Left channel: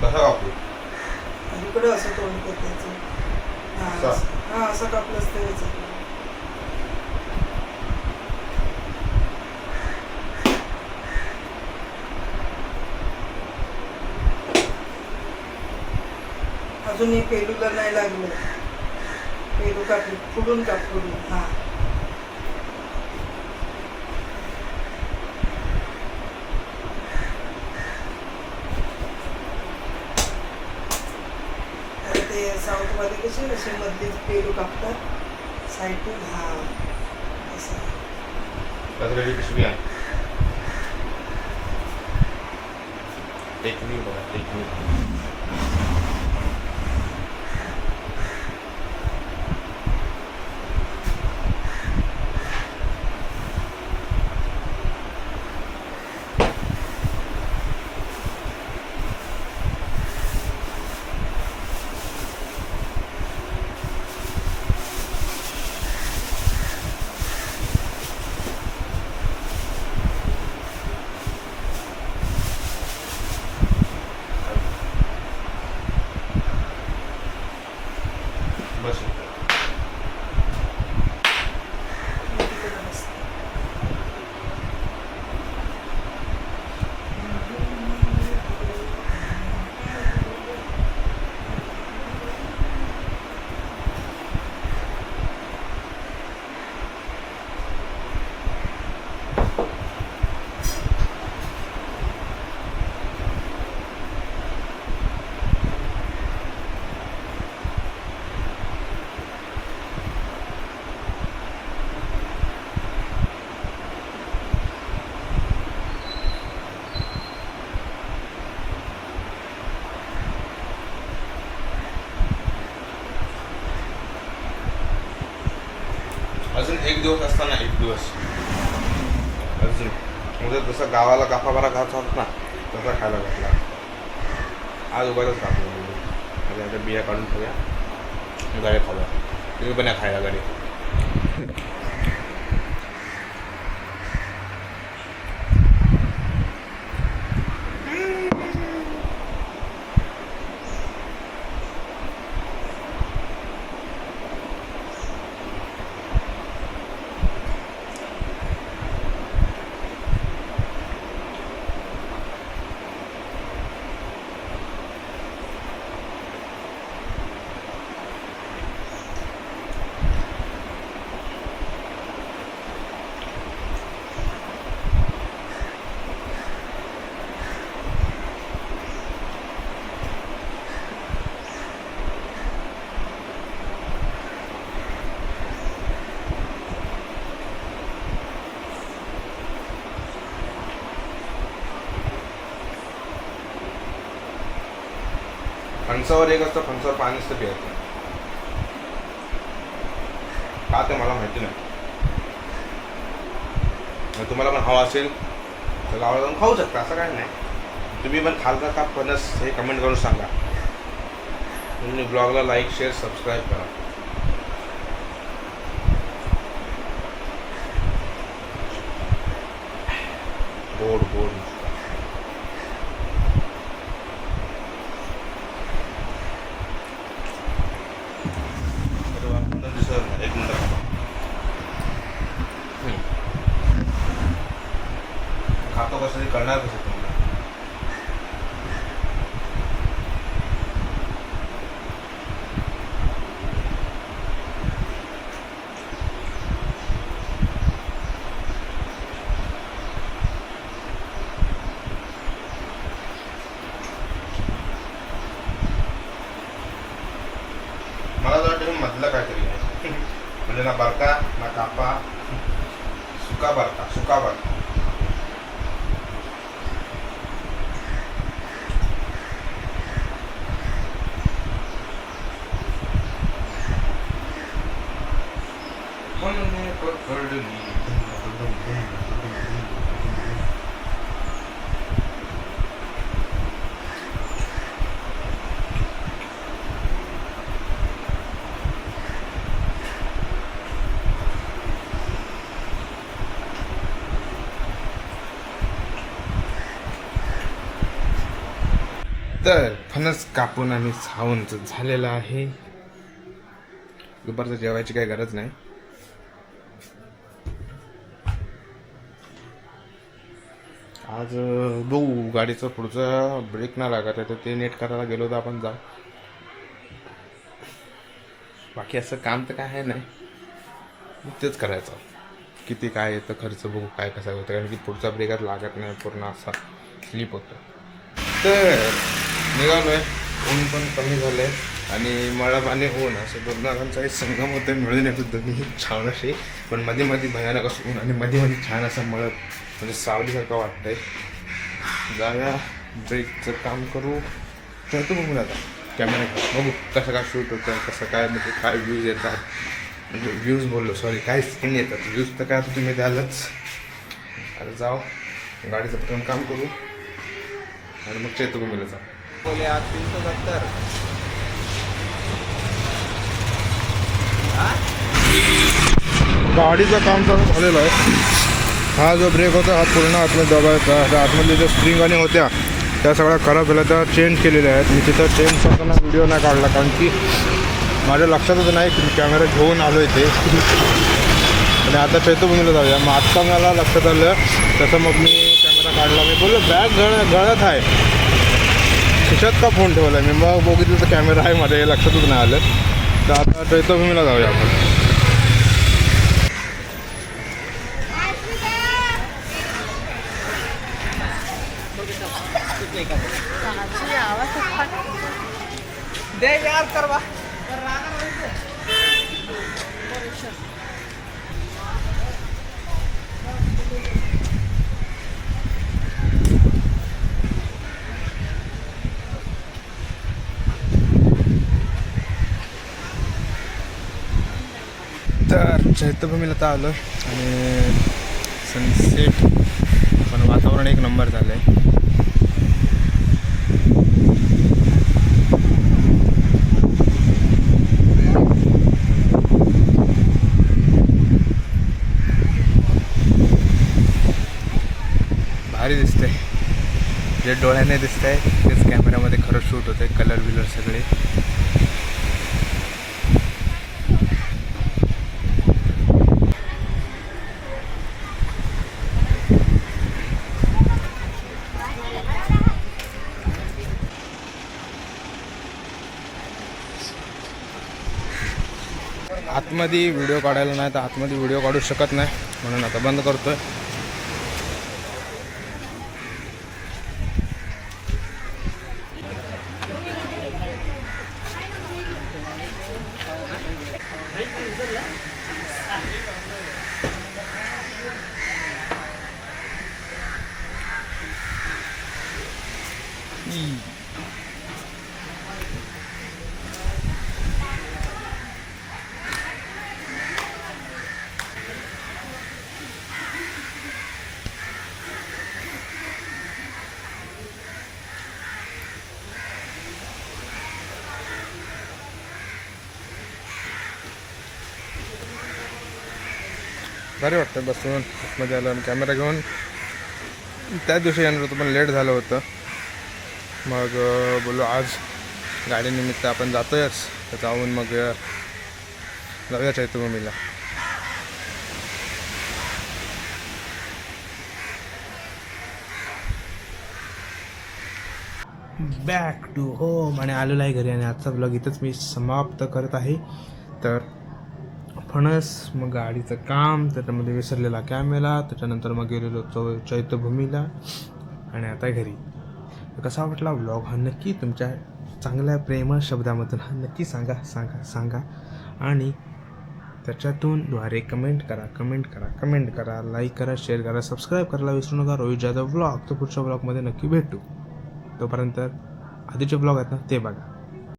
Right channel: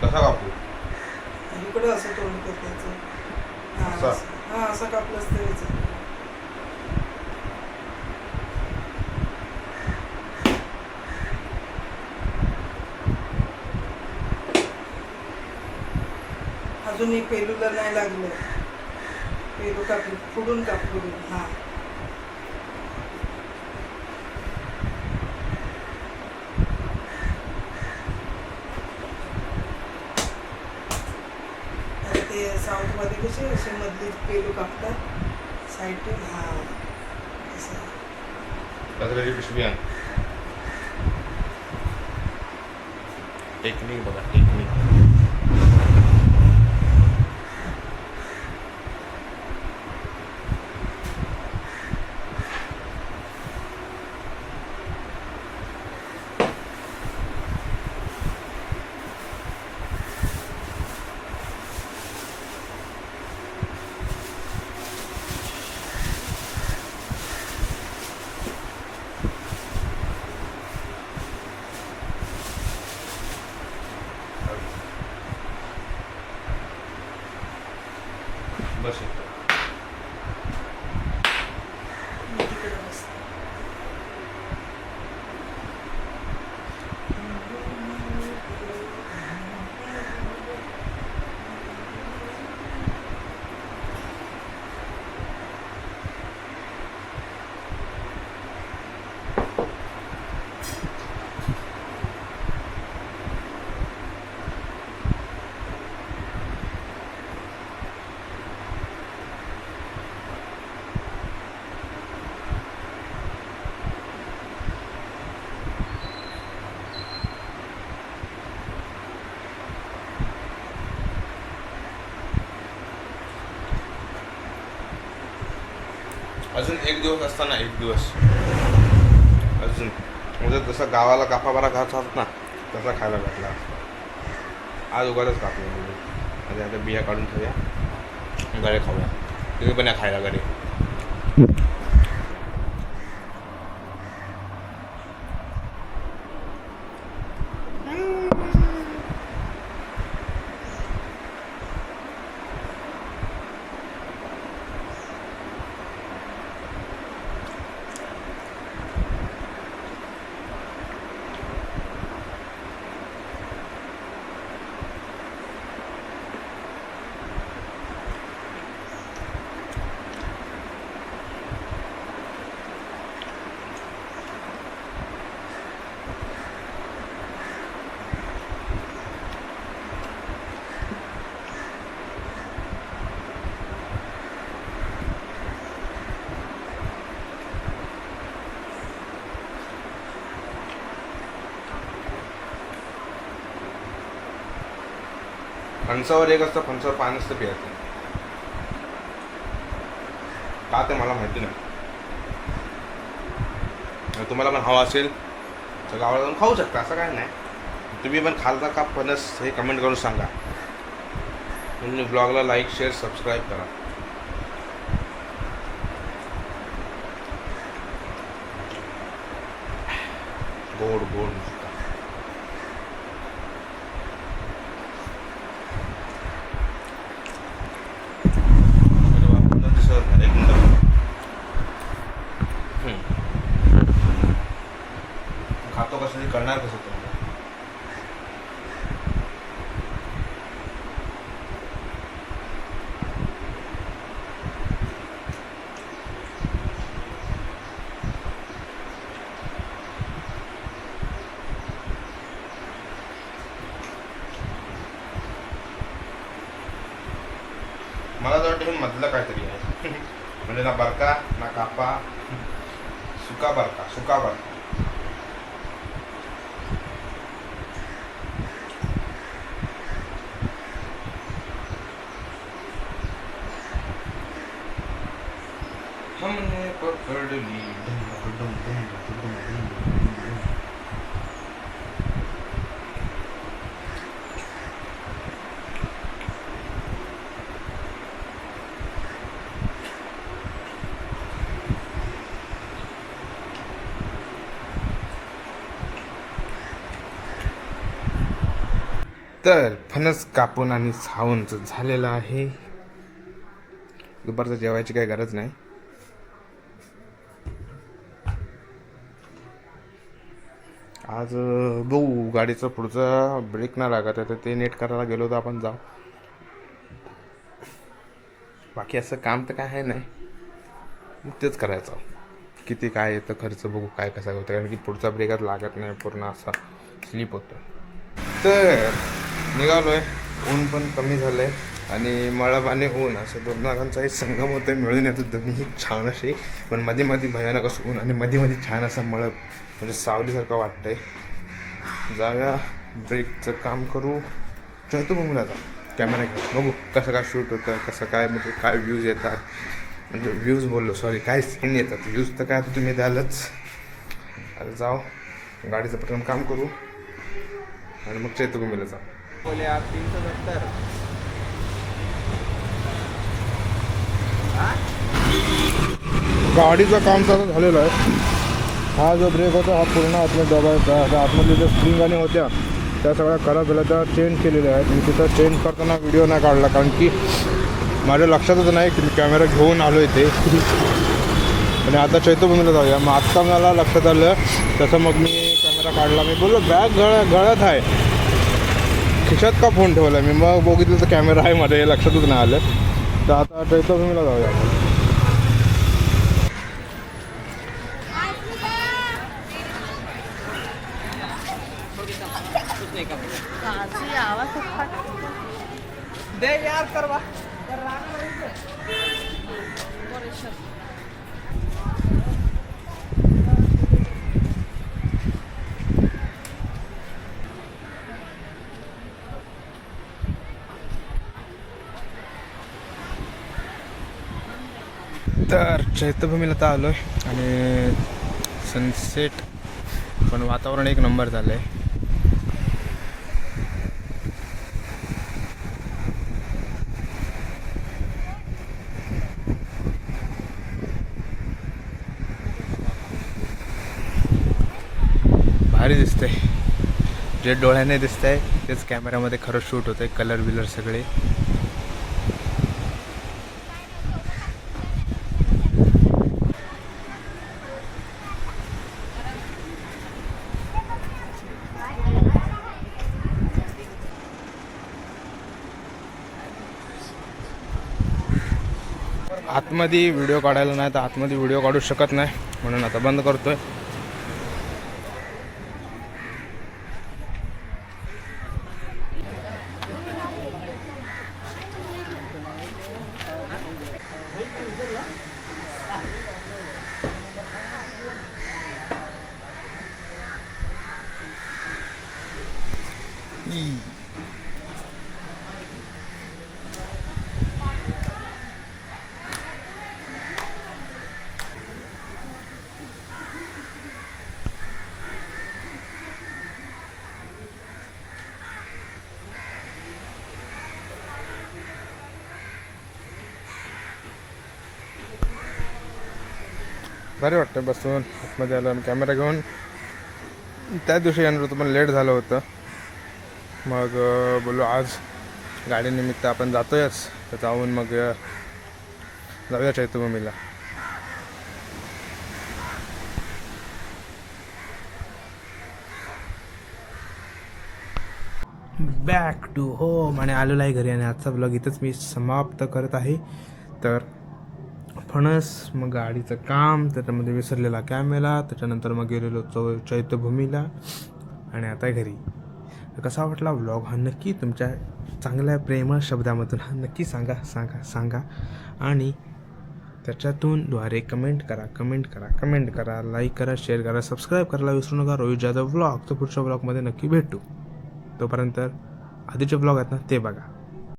कसा कापू? इकडे असं तोंड त्याचं. हां असं कापलंच तरी चालेल. अजून एक पेलूला नाही लागलं. पेरू कापली फुडून हां. ते साऊथमध्ये कसे असे मधली पेरू कापतात साईडून. हां असं. कचऱ्याची पिशवी आहे. टेक्निक बघा, टेक्निक. बस अजून एक दिवस असताना एक दिवस अजून म्हणजे जसं गावाला गाफाबारा घात होत ना तसा खायला भेटला. आज उगाच कापलं म्हणजे आता बिया काढून ठेवूया, गळे खाऊया. तुम्ही पण या खायला गडे. फणसावर एक असतं, फणसावर पाणी असतं प्यायचं. का ते मला माहिती नाही. तुम्हाला पण हवा असेल तर गावाला जाऊन खाऊ शकता, असं काय नाही. तुम्ही पण खालता का फणस हे कमेंट करून सांगा. तुम्ही ब्लॉगला लाईक शेअर सबस्क्राईब करा. गोड गोड एक मिनिट. खातो कसं ते करणार कसं तुम्ही. मला तर वाटतं मधलं काहीतरी आहे. म्हणजे ना बरका ना कापा, सुका बरका, सुका बरका. हमने पकड़ ली. तर फणस कापून आणि खाऊन झालेलं आहे. दुपारचं जेवायची काही गरज नाही. आज बघू गाडीचं पुढचा ब्रेक नाही लागत आहे तर ते नेट करायला गेलो होतो आपण. जाऊ. बाकी असं काम तर काय आहे नाही, तेच करायचं. किती काय येतं खर्च बघू काय कसा होतं, कारण की पुढचा ब्रेकच लागत नाही, पूर्ण असा स्लिप होतं. तर निघालो आहे. ऊन पण कमी झालं आहे आणि मळब आणि ऊन असं दोघांचा एक संगम होतं. मिळून येतो दोन्ही छान असे, पण मध्ये मध्ये भयानक असं ऊन आणि मध्ये मध्ये छान असं मळब, म्हणजे सावलीसारखं वाटतंय. जाऊया ब्रेकचं काम करू. ठेवतो मग मी आता कॅमेरा घेऊन, बघू कसं काय शूट होतं, कसं काय म्हणजे काय व्ह्यूज येतात. म्हणजे व्ह्यूज बोललो सॉरी, काय सीन येतात. व्ह्यूज तर काय आता तुम्ही द्यालच. आता जाऊ गाडीचं प्रथम काम करू आणि मग चैत्यभूमीला जाऊ. बोले आज 370. गाडीचं काम चालू झालेलं आहे. हा जो ब्रेक होता हा पूर्ण आतमध्ये दबायचा. आता आतमधल्या ज्या स्प्रिंग आणि होत्या त्या सगळ्या खराब झाल्या, त्या चेंज केलेल्या आहेत. मी तिथं चेंज करताना व्हिडिओ नाही काढला, कारण की माझ्या लक्षातच नाही की मी कॅमेरा घेऊन आलो इथे. आणि आता चैत्यभूमीला जाऊया. मग आत्ता मला लक्षात आलं, तसं मग मी कॅमेरा काढला. मी बोललो बॅग गळ्यात आहे, खिशात का फोन ठेवला. मी मग बघितलं तर कॅमेरा आहे माझ्या, हे लक्षातच नाही आलं. तर आता चैत्यभूमीला जाऊया आपण. दे यार करवा. तर चैत्यभूमीला तर आलो आहे आणि सनसेट पण वातावरण एक नंबर झालं आहे. भारी दिसतंय. जे डोळ्याने दिसतंय तेच कॅमेऱ्यामध्ये खरं शूट होतंय. कलर बिलर सगळे आतमध्ये व्हिडिओ काढायला नाही तर आतमध्ये व्हिडिओ काढू शकत नाही, म्हणून आता बंद करतोय. भारी वाटतं बसून आतमध्ये आलं. कॅमेरा घेऊन त्या दिवशी येणार होतं पण लेट झालं होतं. मग बोललो आज गाडीनिमित्त आपण जातोयच, तर जाऊन मग जाऊया चैत्यभूमीला. बॅक टू होम आणि आलेलो आहे घरी आणि आजचा ब्लॉग इथंच मी समाप्त करत आहे. तर फणस, मग गाडीचं काम, त्याच्यामध्ये विसरलेला कॅमेरा, त्याच्यानंतर मग गेलेलो चैत्यभूमीला आणि आता घरी. तर कसा वाटला व्लॉग हा नक्की तुमच्या चांगल्या प्रेमळ शब्दामधून हा नक्की सांगा आणि त्याच्यातून द्वारे कमेंट करा, लाईक करा, शेअर करा, सबस्क्राईब करायला विसरू नका. रोहित जाधव ब्लॉग. तर पुढच्या ब्लॉगमध्ये नक्की भेटू. तोपर्यंत आधीचे ब्लॉग आहेत ना ते बघा.